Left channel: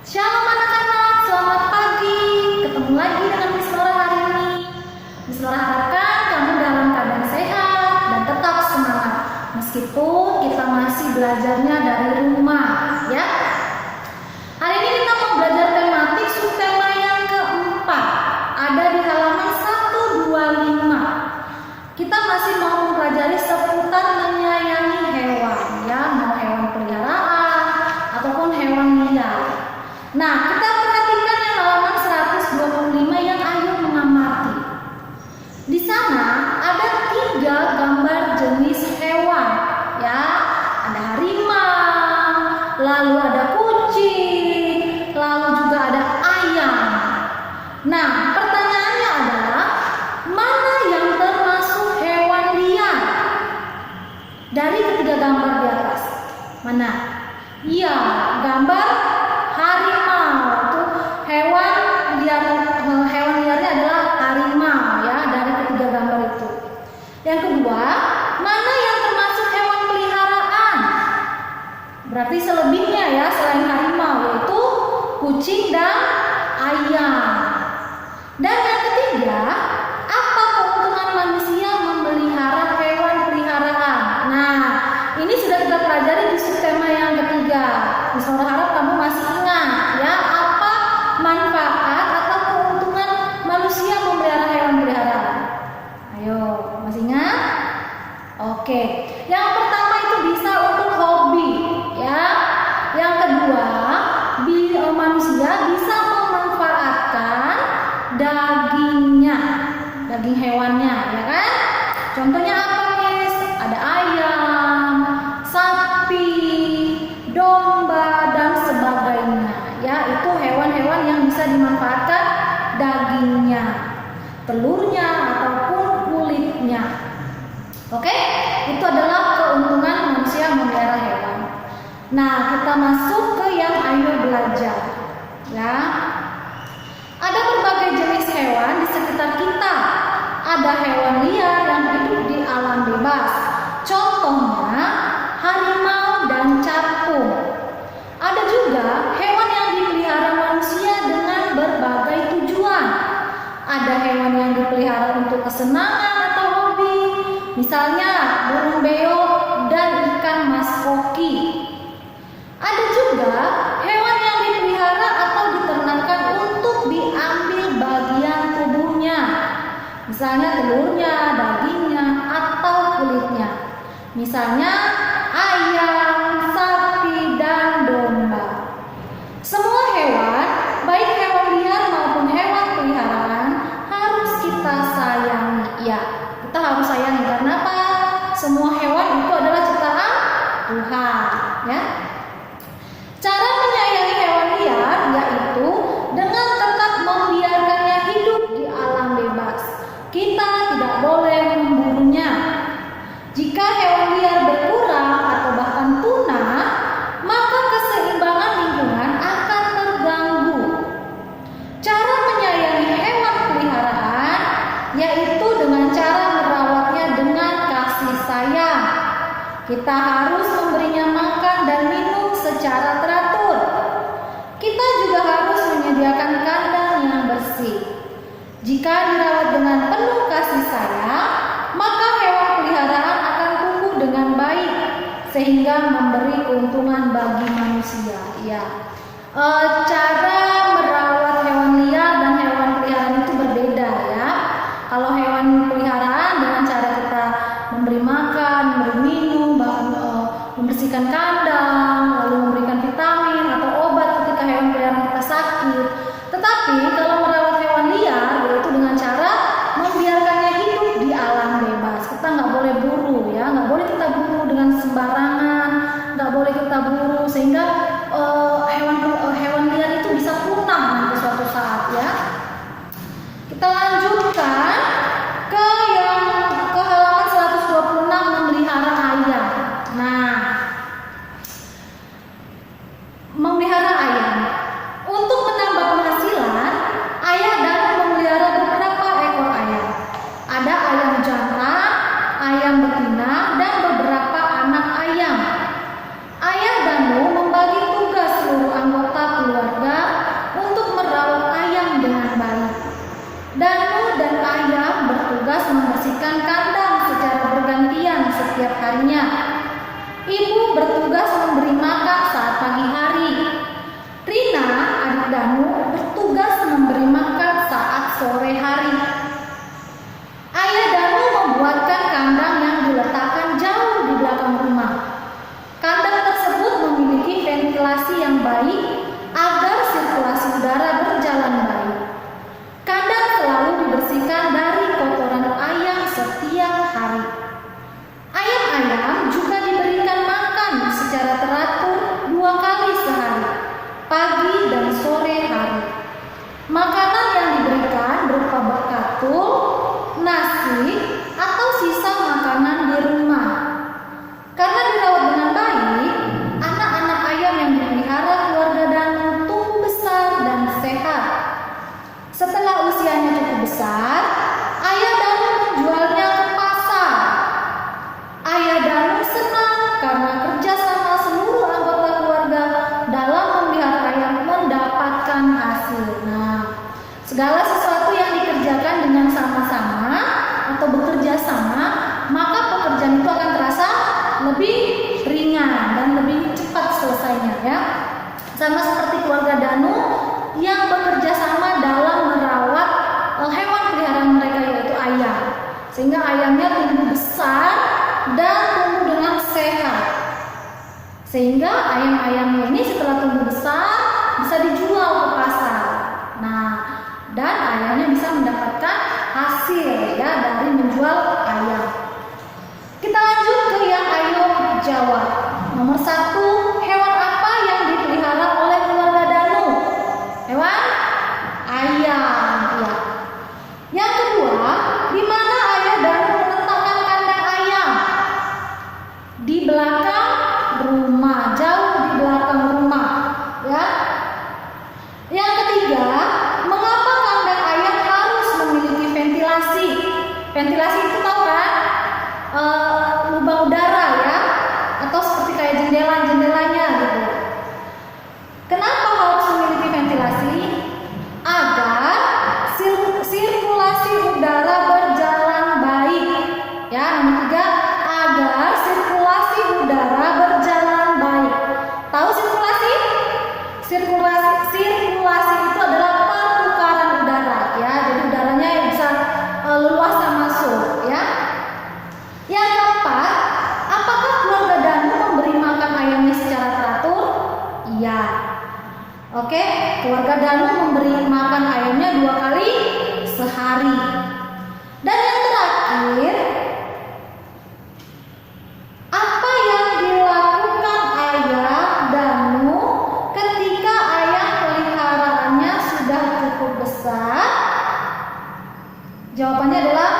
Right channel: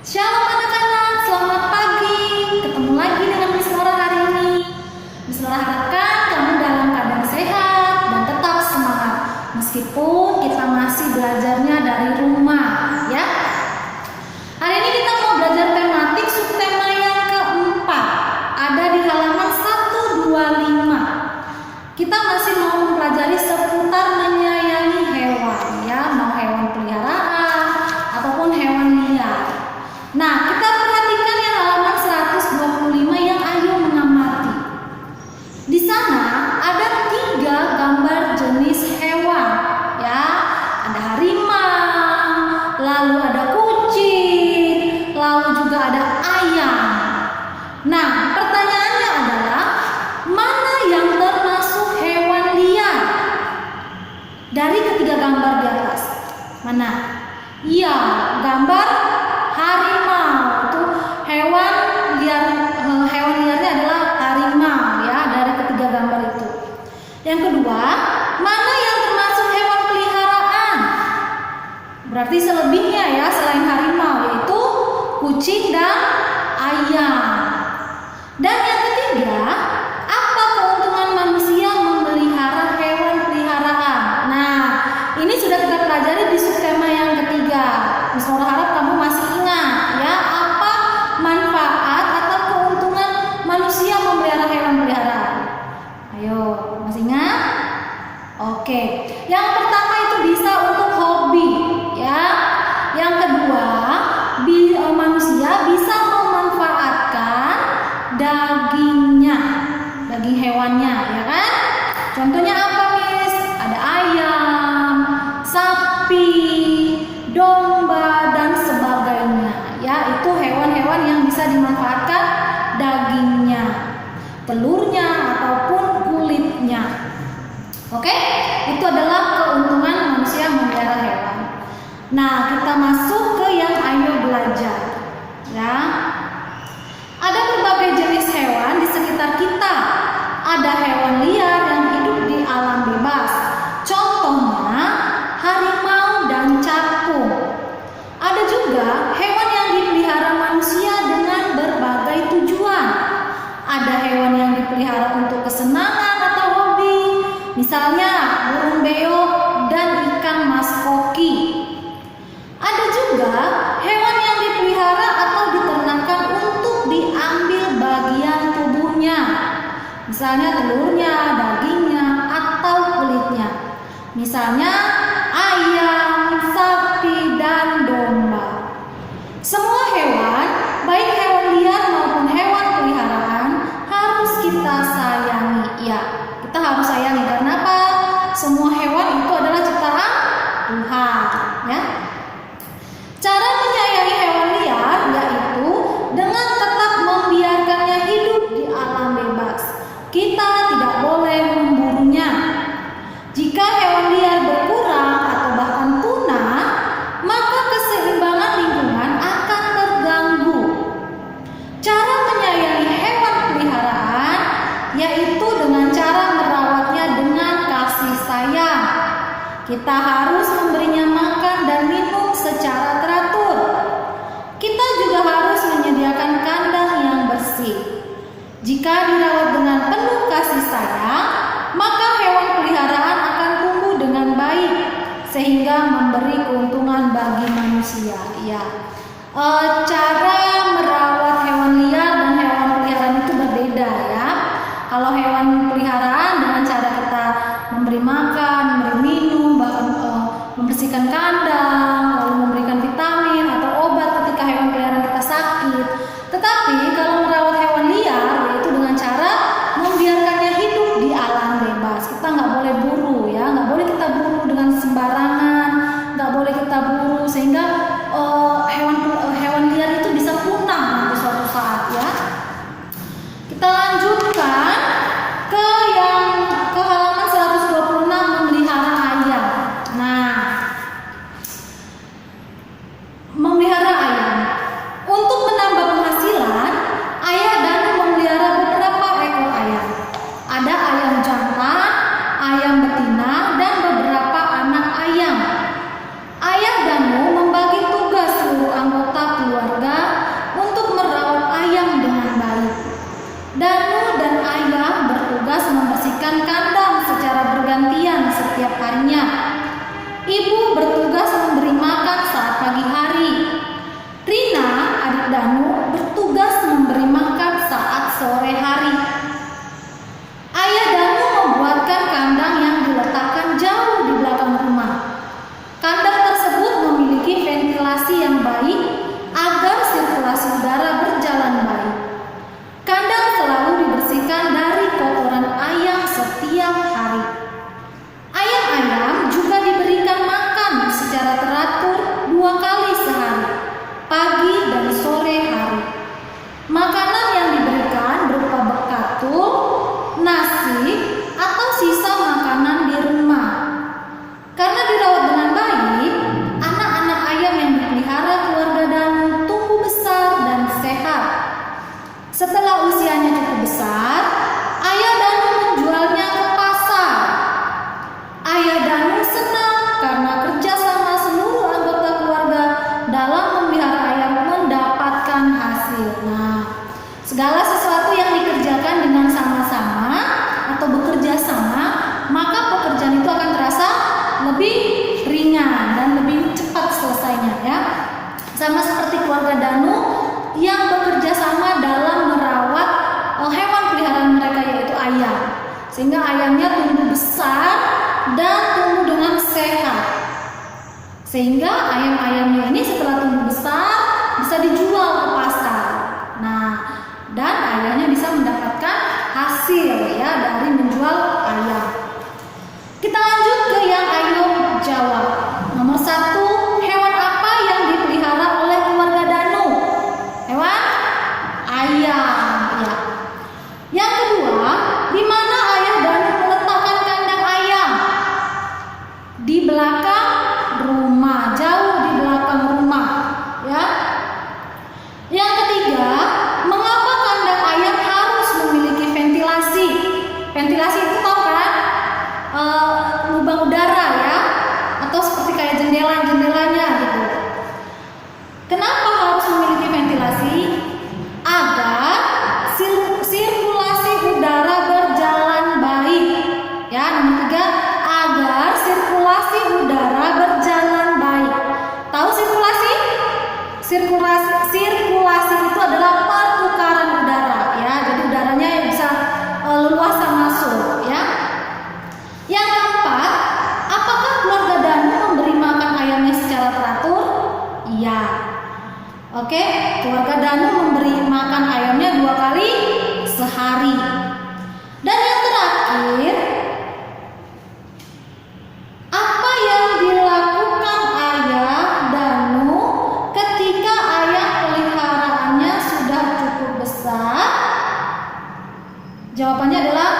Shalom anak-anak, selamat pagi. Ketemu lagi dengan Miss Nora hari ini. Miss Nora harapkan kamu dalam keadaan sehat dan tetap semangat meskipun kita masih belajarnya dari rumah, ya. Hari ini kita mau belajar tematik subtema yang keempat. Ada di halaman 125. Kita masih mau mempelajari seputar menyayangi hewan, ya, mau hewan peliharaan ataupun hewan liar. Nah, kita perhatikan yang halaman 125 yang ayo mengamati. Di sana ada 3 gambar jenis hewan, ya. Ada harimau, lalu ada kucing, lalu juga ada ayam. Nah, pertanyaannya adalah mana yang termasuk hewan liar dari ketiga gambar di atas? Mana? Iya, gambar harimau. Itu hewan liar, hewan liarnya adalah harimau, ya, dari ketiga gambar itu. Yang kedua, mana yang termasuk hewan peliharaan? Berarti selebihnya, ya, selain harimau, yaitu kucing dan ayam. Dan yang ketiga, apa keuntungan manusia memelihara hewan peliharaan? Nah, ini sudah kita pelajari di subtema yang ketiga. Miss Nora harap kamu masih ingat, ya, apa manfaat atau keuntungan manusia memelihara hewan peliharaan. Ayo, masih ingat? Oke. Yang pertama itu bisa untuk hobi, ya. Yang kedua, manusia bisa memanfaatkan dagingnya, daging hewannya, ya kan? Contohnya apa, Miss? Ada ayam, sapi, domba, dan sebagainya, ya. Itu hewan-hewan yang bisa dimanfaatkan dagingnya, telurnya, ataupun kulitnya. Oke? Itu adalah keuntungan manusia memelihara hewan. Nah, kita masuk ke yang ayo belajar, ya. Ada berbagai jenis hewan di sekitar kita. Ada hewan liar yang hidup di alam bebas. Contohnya harimau dan capung. Ada juga hewan yang dipelihara manusia dengan berbagai tujuan. Ada hewan yang dipelihara untuk kesenangan atau hobi, misalnya burung beo dan ikan mas koki. Ada juga hewan yang dipelihara atau diternakan untuk diambil bagian tubuhnya, misalnya telurnya, dagingnya, atau kulitnya, misalnya ayam, sapi, dan domba. Semua hewan, baik hewan liar maupun hewan peliharaan, harus kita sayangi. Ya, kita harus sayangi karena apa? Semua hewan itu adalah ciptaan Tuhan, ya. Cara menyayangi hewan liar yaitu dengan tetap membiarkannya hidup di alam bebas. Kita tidak boleh memburunya. Jika hewan liar berkurang atau bahkan punah, maka keseimbangan lingkungan akan terganggu. Cara menyayangi hewan peliharaan yaitu dengan cara merawatnya dengan kasih sayang. Kita harus memberinya makan dan minum secara teratur. Kita juga harus menyediakan kandang yang bersih. Jika dirawat dengan penuh kasih sayang, maka hewan peliharaan akan tumbuh dengan baik sehingga memberi keuntungan bagi manusia. Ya, cara merawat hewan liar dan hewan peliharaan itu berbeda, ya. Kalau hewan peliharaan dengan cara kita memberi makan, memberi minum, bahkan membersihkan kandang, lalu memberikan vitamin atau obat ketika hewan peliharaan kita sakit. Tetapi kalau merawat hewan liar yaitu dengan cara membiarkannya hidup di alam bebas. Kita nggak boleh buru, ya, nggak boleh kita buru dengan sembarangan, nggak boleh kita buru sehingga hewan liar itu bisa Segala sesuatu yang dikerjakan dengan sama-sama atau bekerja sama, maka pekerjaan itu akan terasa lebih ringan dan lebih cepat selesainya ya. Sama seperti keluarga Danu yang bekerja sama dalam merawat hewan peliharaan mereka yaitu ayam. Sehingga ayamnya tumbuh besar dan tumbuh dengan sehat. Sehingga ayam-ayamnya ini setelah tumbuh besar bisa dijual ke pasar. Nah, dan ayahnya bisa mendapatkan hasil ya dari menjual ayam. Kita lanjut ke yang ayo jawab. Nomor 1, hewan apa yang dipelihara oleh keluarga Danu? Hewan ayam ya. Yang kedua, di mana ayah Danu meletakkan kandang ayam? Di belakang rumah, jauh di belakang rumah ya. Yang ketiga, mengapa kandang ayam harus memiliki ventilasi? Ventilasi itu tahu kan? Lubang udara ya, atau seperti kayak jendelanya gitu. Kenapa harus memiliki ventilasi? Agar sirkulasi udara berjalan baik. Ya, nomor 3, agar sirkulasi udara berjalan baik. Tahu sirkulasi? Sirkulasi itu adalah pertukaran udara ya. Jadi udaranya bisa leluasa masuk ya. Yang keempat, apakah keluarga Danu memberi makan ayamnya secara teratur? Iya. Oke, keluarga Danu memberi makan ayamnya 2 kali sehari. Dan yang terakhir, apa yang dilakukan ayah Danu ketika ayam peliharaannya sudah cukup besar? Jawabannya adalah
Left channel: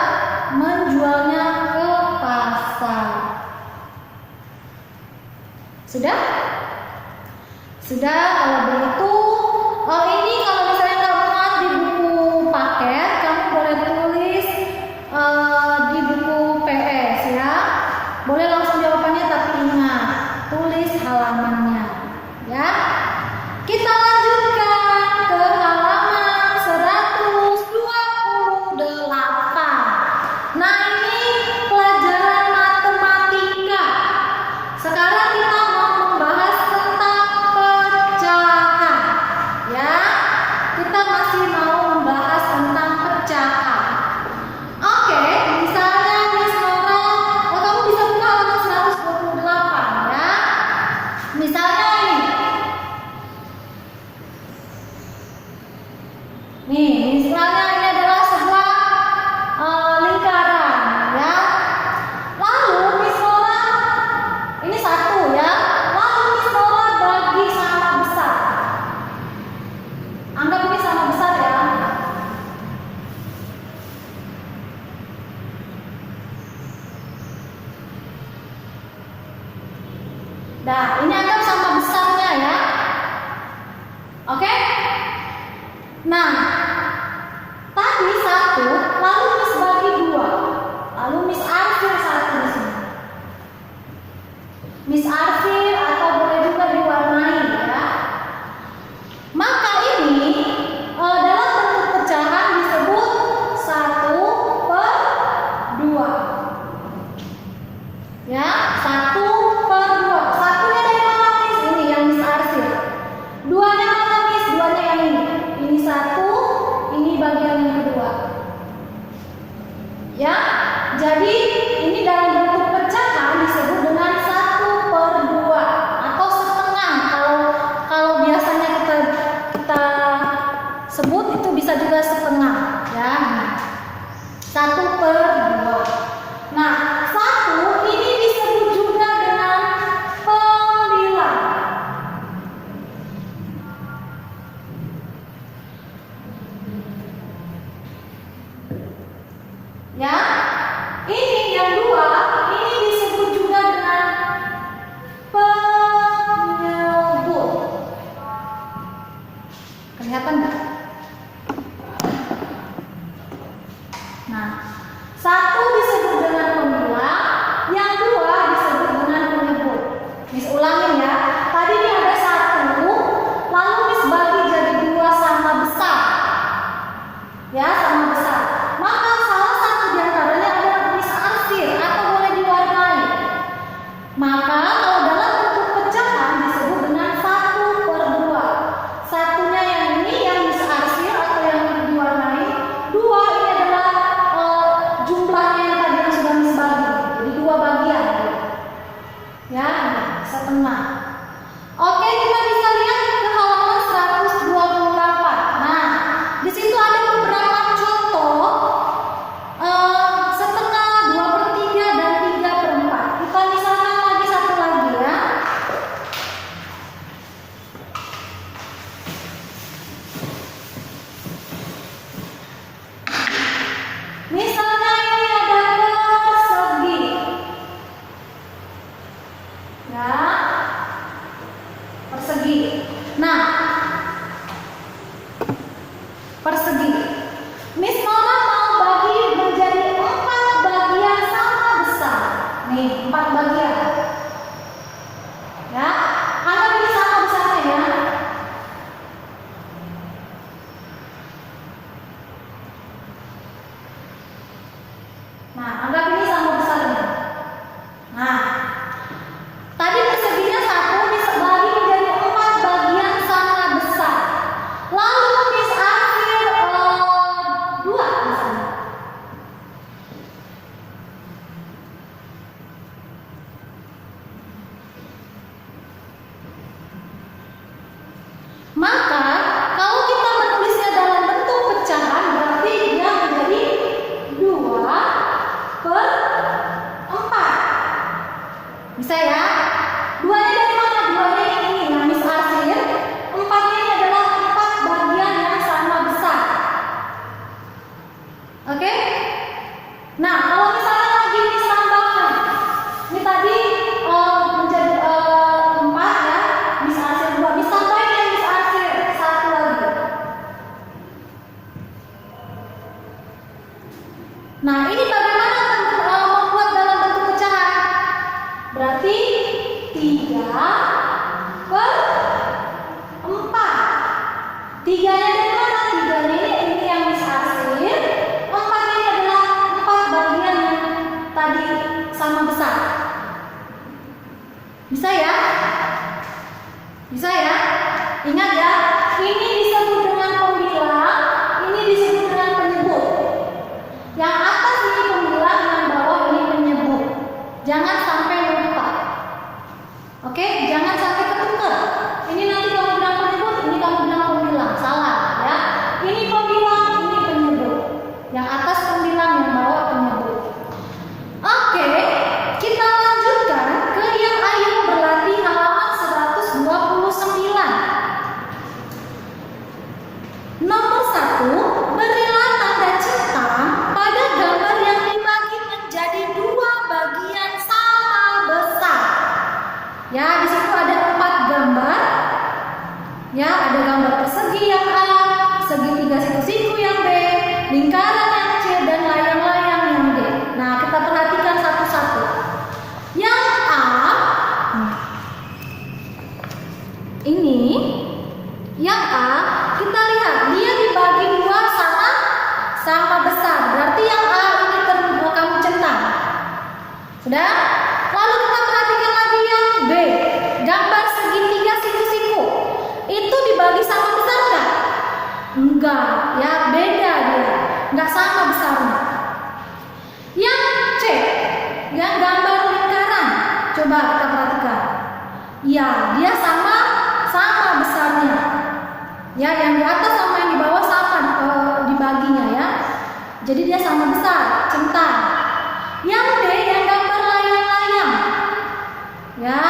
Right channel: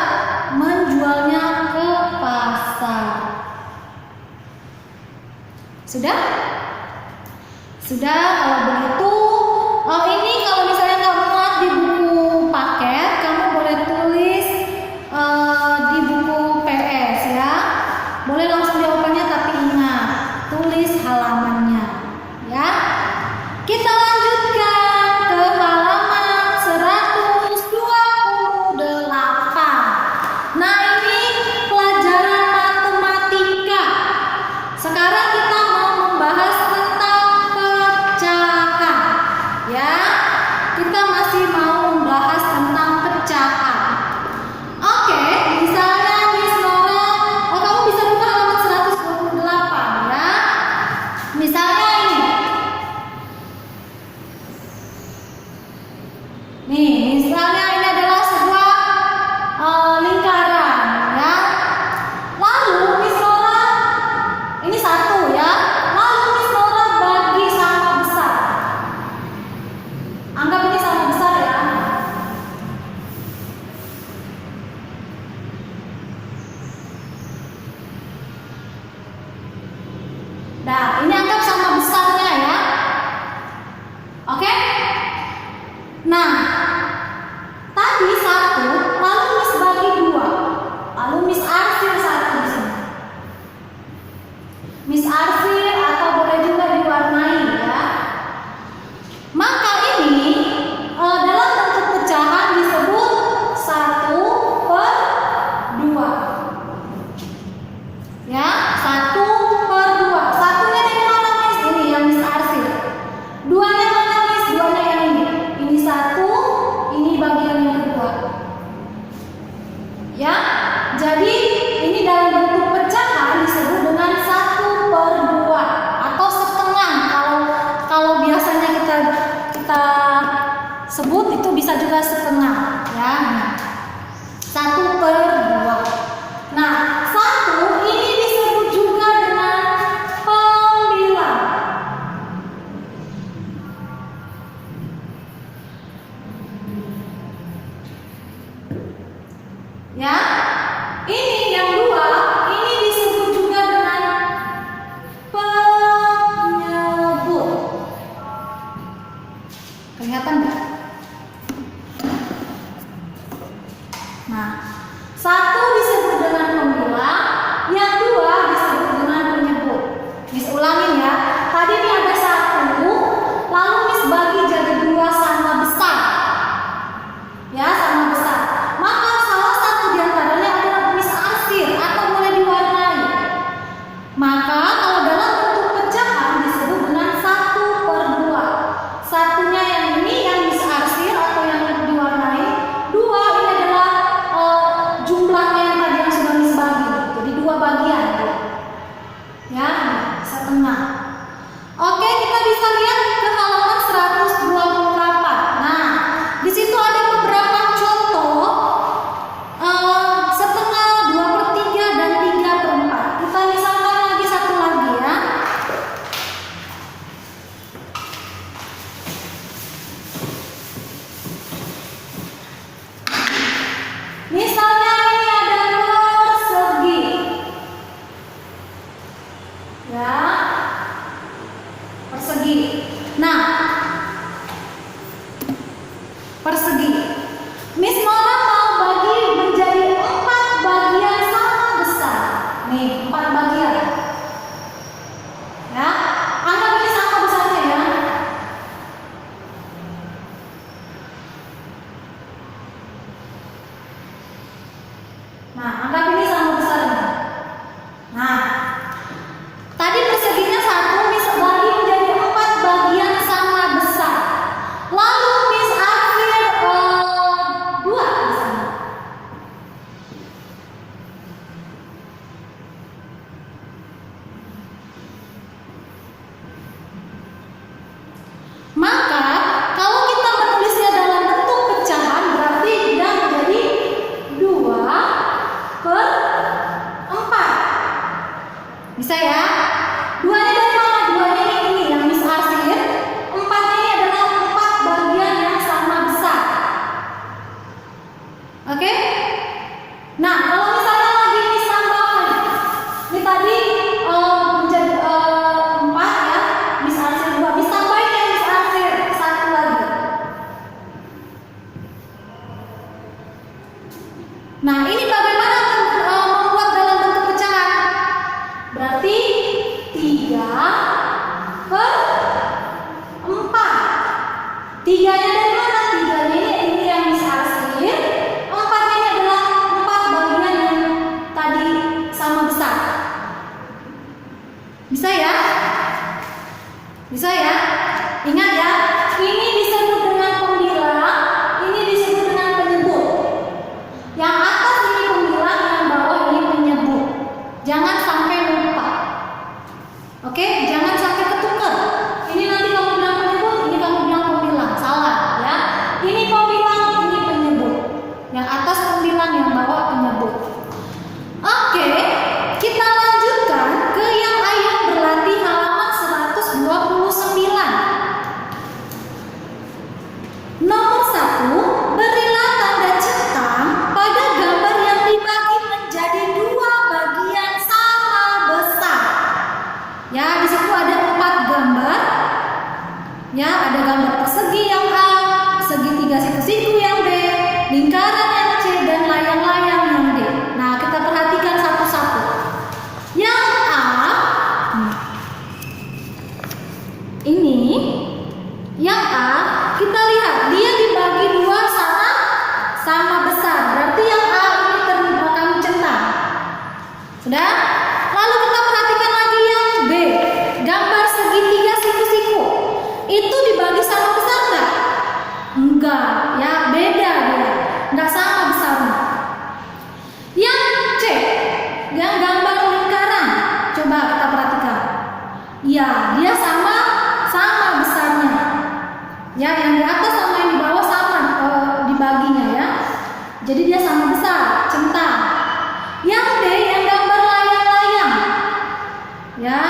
menjualnya ke pasar. Sudah? Sudah, kalau begitu ini kalau misalnya nggak muat di buku paket, kamu boleh tulis di buku PS ya. Boleh langsung jawabannya, tapi ingat tulis halamannya ya. Kita lanjutkan ke halaman 128. Nah, ini pelajaran matematika. Sekarang kita mau membahas tentang pecahan ya. Kita masih mau membahas tentang pecahan. Oke, misalnya Miss Nora, kamu bisa buka halaman 128 ya. Misalnya ini. Nih, misalnya ini adalah sebuah lingkaran ya. Lalu Miss Nora, ini 1 ya. Lalu Miss Nora bagi sama besar. Anggap ini sama besar ya. Nah, ini anggap sama besarnya ya. Oke? Nah, tadi 1, lalu Miss bagi 2. Lalu Miss arsir 1 di sini. Miss arsir atau boleh juga diwarnai ya. Maka ini dalam bentuk pecahan disebut 1/2. Ya, 1/2. Satunya dari mana Miss? Ini yang Miss arsir. 2-nya mana Miss? 2-nya yang ini. Ini 1, ini bagian yang kedua. Ya, jadi ini dalam bentuk pecahan disebut dengan 1/2 atau setengah. Kalau biasanya kita sebut itu bisa juga setengah ya. 1/2. Nah, 1 ini disebut juga dengan pembilang. Ya, ini yang 2 ini disebut juga dengan penyebut. Kelihatan nggak? Nah, 1 disebut dengan pembilang, yang 2 disebut dengan penyebut. Miss ulangin ya. Tadi ini ada 1, lalu Miss bagi jadi 2 sama besar. Tiganya dari mana? Tiganya ini yang bisa sendiri. Empatnya ini adalah 4 bagian yang tadi sama besar. Bisa ya? Bisa ya? Ingat ya, ini disebut dengan pembilang, ini disebut dengan penyebut. Yang atas ini pembilang, yang bawah ini penyebut. Jangan sampai lupa. Oke, jangan sampai ketukar. Ini nanti kamu bilang penyebut, ini kamu bilang pembilang. Salah ya. Ini pembilang, ini penyebut. Yang atas pembilang, yang bawah penyebut. Oke, kita lanjutkan ke yang ayo berlatih halaman 129. Nomor 1, berilah tanda centang pada gambar yang dibagi menjadi 2 bagian sama besar. Ya, di situ ada 4 gambar. Ya, ada gambar persegi yang A, segitiga siku-siku yang B, lingkaran yang C, dan layang-layang yang D. Nah, kita perhatikan satu-satu. Yang A, ini, yang A, kita lihat dia dibagi 2 sama besar. Berarti yang A ini kamu centang. Sudah? Lalu kita perhatikan lagi yang B, gambar segitiga siku-siku. Itu dibagi sama besar nggak? Enggak, ya beda dia, nggak sama besarnya. Yang C, yang gambar lingkaran, coba kita perhatikan. Ya, dia sama besarnya. Ya, yang di atas sama yang di bawah sama dibaginya ya. Jadi dia sama besar, centang. Yang D, yang gambar layang-layang, ya,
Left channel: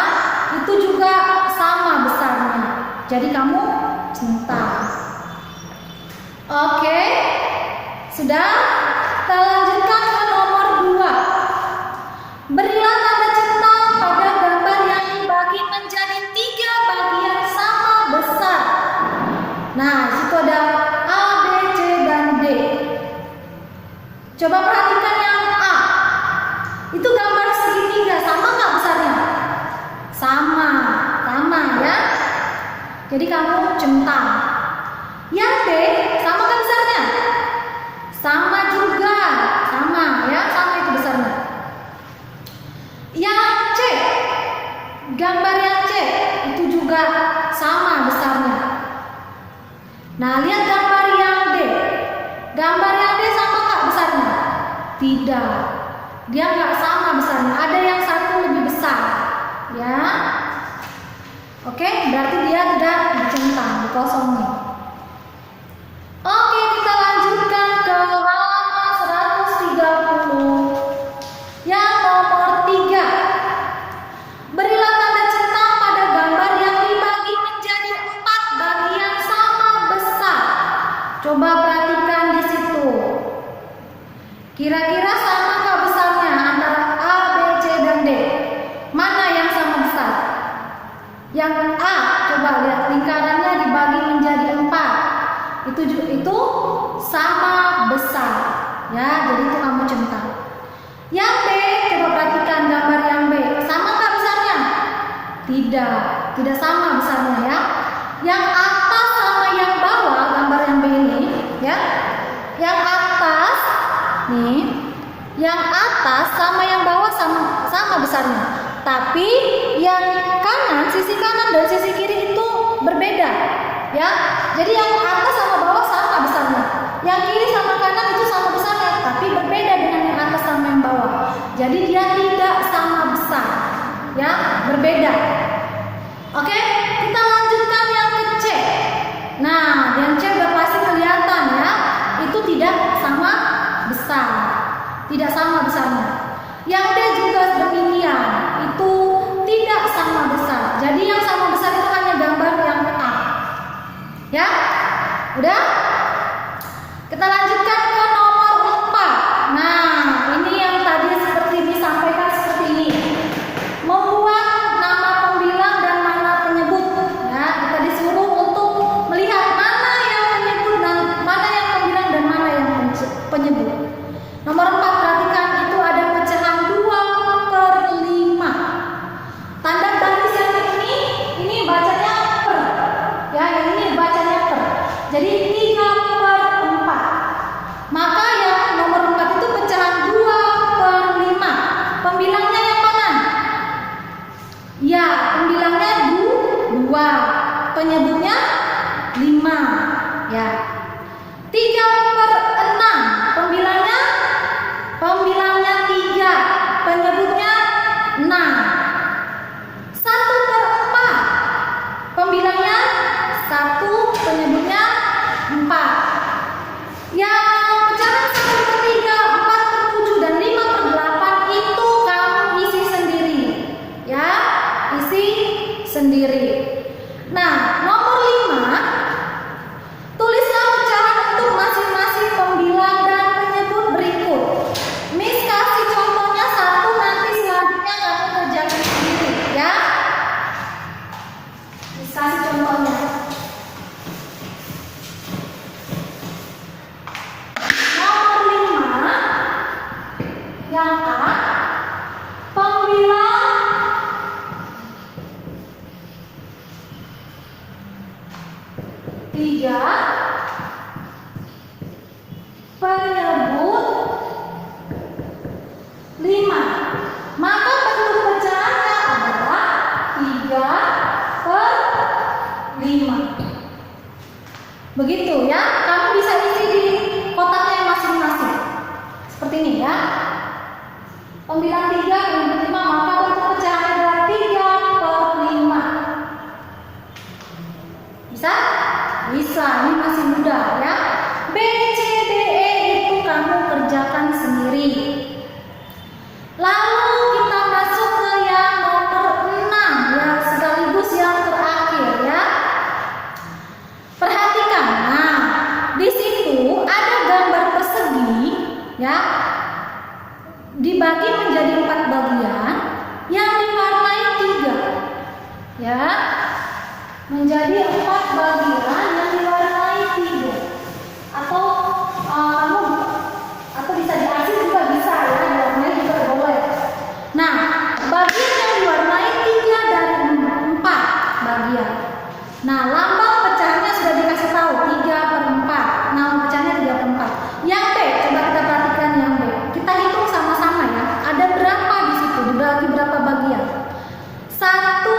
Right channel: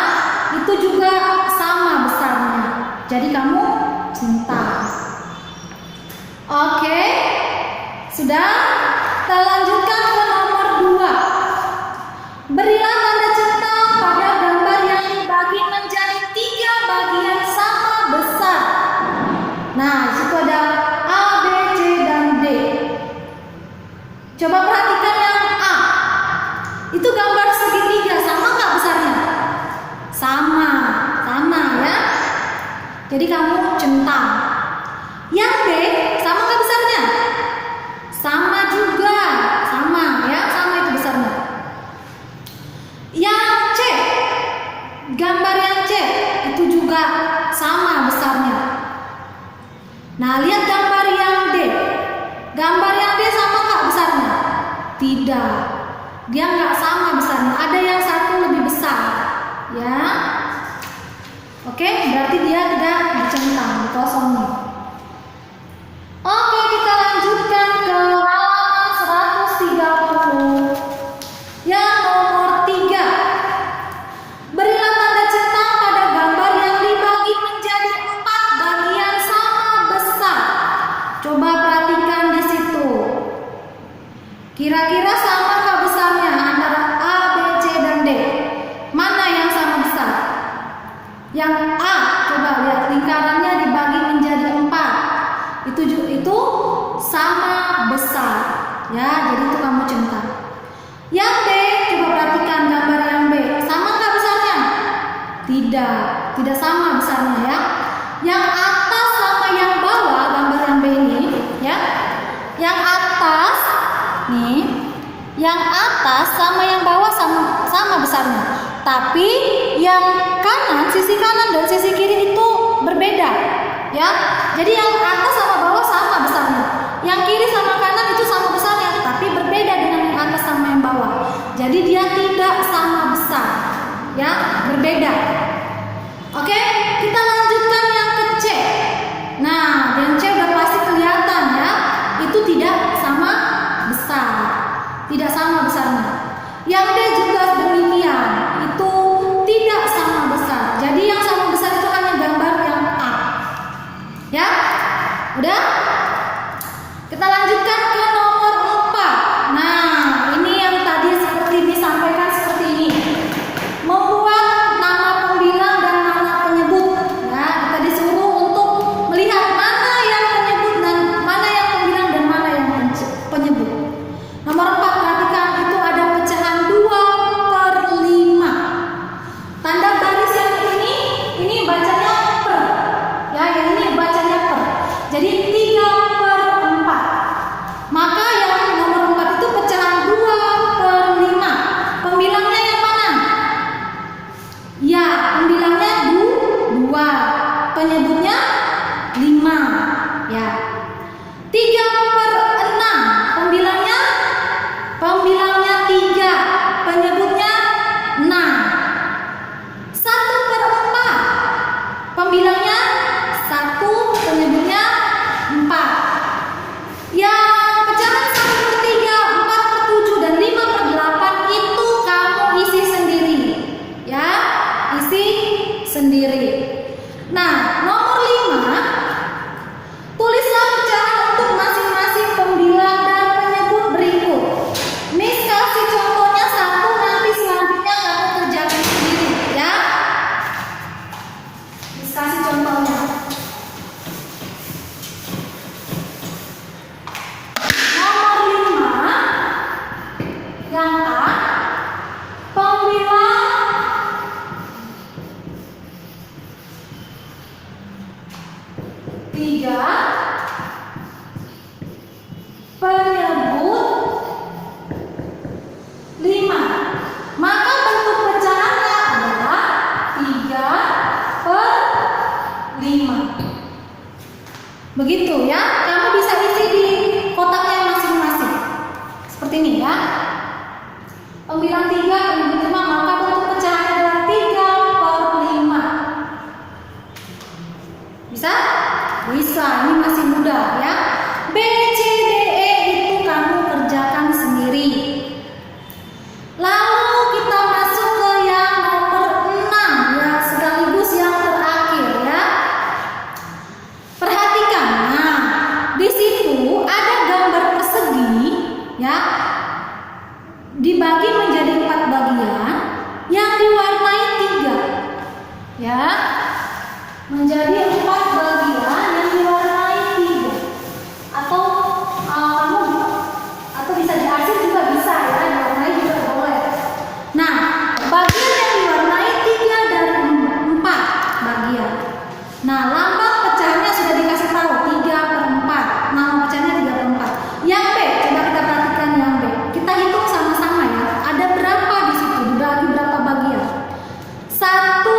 itu juga sama besarnya. Jadi kamu centang. Oke, sudah. Kita lanjutkan ke nomor 2. Berilah tanda centang pada gambar yang dibagi menjadi 3 bagian sama besar. Nah, situ ada A, B, C, dan D. Coba perhatikan yang A. Itu gambar segitiga, sama nggak besarnya? Sama ya. Jadi kamu centang. Yang B, sama nggak besarnya? Sama juga, sama ya, sama itu besarnya. Yang C, gambar yang C itu juga sama besarnya. Nah, lihat gambar yang D. Gambar yang D sama nggak besarnya? Tidak, dia nggak sama besarnya. Ada yang satu lebih besar, ya. Oke, berarti dia tidak dicentang, dikosongin. Oke, kita lanjutkan ke halaman 130. Yang nomor 3. Berilah tanda centang pada gambar yang dibagi menjadi 4 bagian sama besar. Coba perhatikan di situ. Kira-kira samakah besarnya antara A, B, C, dan D? Mana yang sama besar? Yang A, coba lihat lingkarannya dibagi menjadi 4. Itu sama besar. Ya, jadi itu kamu centang. Yang B, coba perhatikan gambar yang B. Sama nggak besarnya? Tidak sama besarnya ya. Yang atas sama yang bawah, gambar yang B ini, ya. Yang atas nih, yang atas sama yang bawah sama besarnya. Tapi yang kanan, sisi kanan dan sisi kiri itu berbeda, ya. Jadi yang atas sama bawah sama besarnya. Yang kiri sama kanan itu sama besarnya, tapi berbeda dengan yang atas sama yang bawah. Jadi dia tidak sama besar, ya, berbeda. Oke, kita lanjutkan yang ke C. Nah, yang C udah pasti kelihatan ya, itu tidak sama besar, tidak sama besarnya. Yang D juga demikian, itu tidak sama besar. Jadi yang sama besar itu hanya gambar yang A. Ya, udah. Kita lanjutkan ke nomor 4. Nah, ini yang tadi seperti disampaikan seperti ini. Membuat nama pembilang dan nama penyebut. Nah, kita disuruh untuk melihat mana yang penyebut dan mana yang pembilang dan mana yang penyebut. Nomor 4, perhatikan itu ada pecahan 2/5. Tanda baris yang ini bacanya per. Ya, yang ini bacanya per. Jadi 3/4. Maka yang nomor 4 itu pecahan 2/5. Pembilangnya yang mana? Ya, pembilangnya 2. Penyebutnya 5. Ya. 3/6. Pembilangnya 3. Penyebutnya 6. 1/4. Pembilangnya 1. Penyebutnya 4. Yang pecahan 1/3, 4/7, dan 5/8 itu kamu isi sendiri. Ya, isi sendiri. Nah, nomor 5, tulislah pecahan untuk masing-masing pembilang dan penyebut berikut. Miss kasih contohnya 1, nanti selanjutnya kamu kerjakan sendiri, ya. Miss kasih contohnya. Nomor 5, yang A, pembilang 3, penyebut 5. Maka bentuk pecahannya adalah 3/5. Begitu ya, kamu bisa isi di kotaknya masing-masing. Seperti ini ya. Pembilang 3, penyebut 5, maka bentuk pecahannya adalah 3/5. Bisa? Bisa, ini masih mudah ya. B, C, D, E itu kamu kerjakan sendiri. Lalu kita masuk ke yang nomor 6, yang sekaligus yang terakhir ya. Perhatikan, nah di situ ada gambar persegi ya, dibagi menjadi 4 bagian yang diwarnai 3 ya, menjadi 4 bagian yang diwarnai 3. Atau kamu atau bisa diarsip juga bisa ya, diwarnai juga boleh. Nah, bagian yang diwarnai 3 dari 4 bagian. Nah, lambang pecahannya sudah dikasih tahu 3/4. Nama pecahannya 3/4. Yang B, coba kita perhatikan yang B. Kita hitung sama-sama ya. Ada berapa di situ? Dibagi berapa bagian? 1,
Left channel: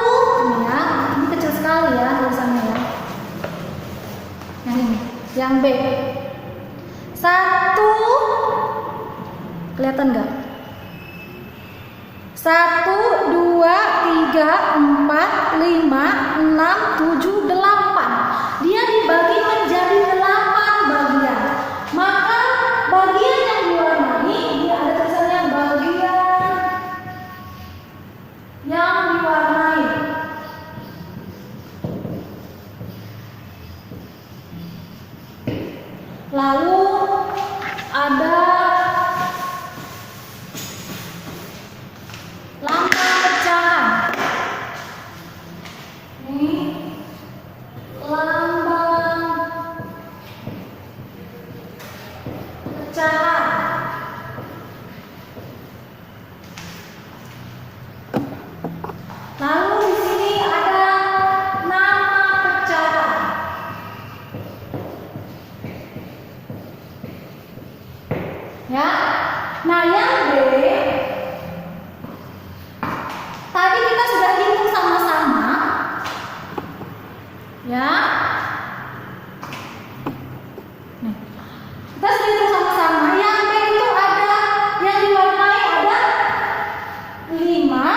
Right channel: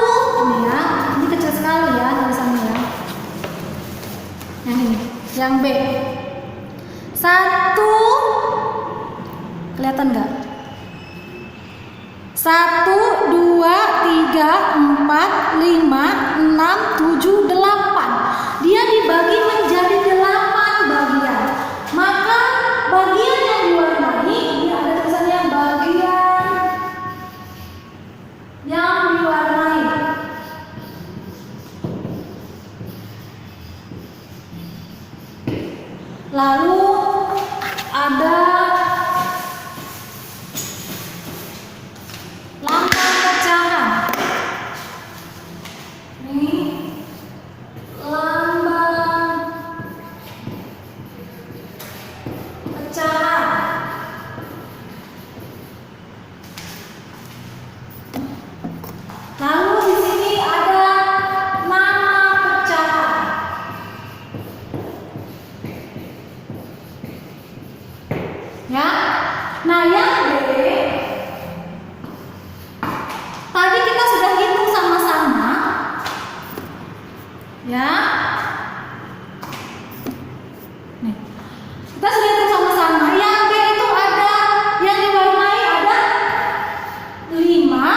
ini ya. Ini kecil sekali ya tulisannya ya. Yang ini, yang B. 1, kelihatan nggak? 1, 2, 3, 4, 5, 6, 7, 8. Dia dibagi menjadi 8 bagian. Maka bagian yang diwarnai, dia ada tulisannya bagian yang diwarnai. Lalu ada lambang pecahan. Ini lambang pecahan. Lalu di sini ada nama pecahan. Ya. Nah, yang B tadi kita sudah hitung sama-sama. Ya. Nih. Kita sudah hitung sama-sama. Yang B itu ada yang diwarnai ada 5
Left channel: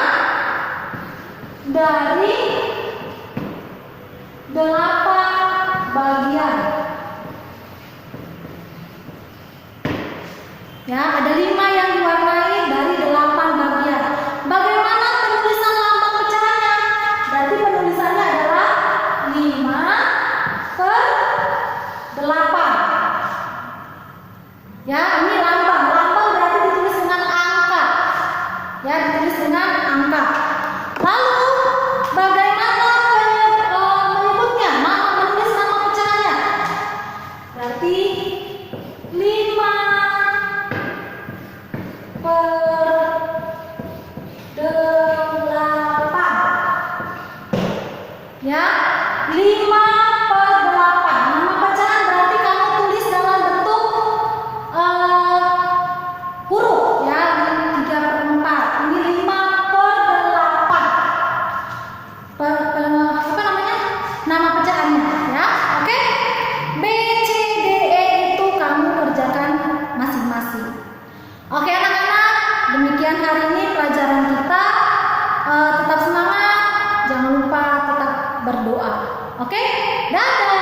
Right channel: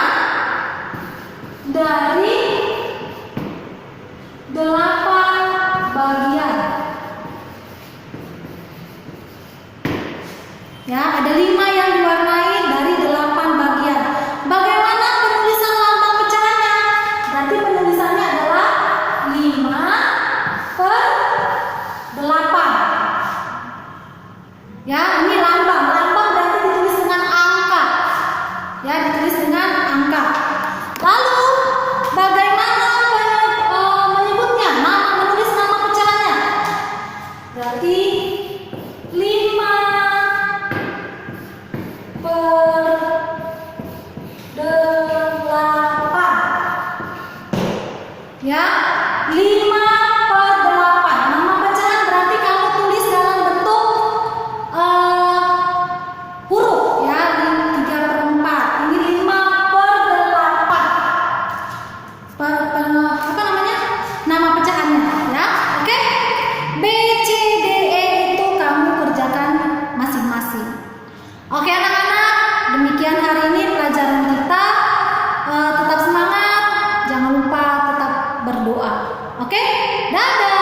dari 8 bagian. Ya, ada 5 yang diwarnai dari 8 bagian. Bagaimana penulisan lambang pecahannya? Berarti penulisannya adalah 5/8. Ya, ini lambang. Lambang berarti ditulis dengan angka. Ya, ditulis dengan angka. Lalu bagaimana menyebutnya? Menulis nama pecahannya. Berarti 5/8. Ya, 5/8. Nama pecahannya doa. Oke? Dadah.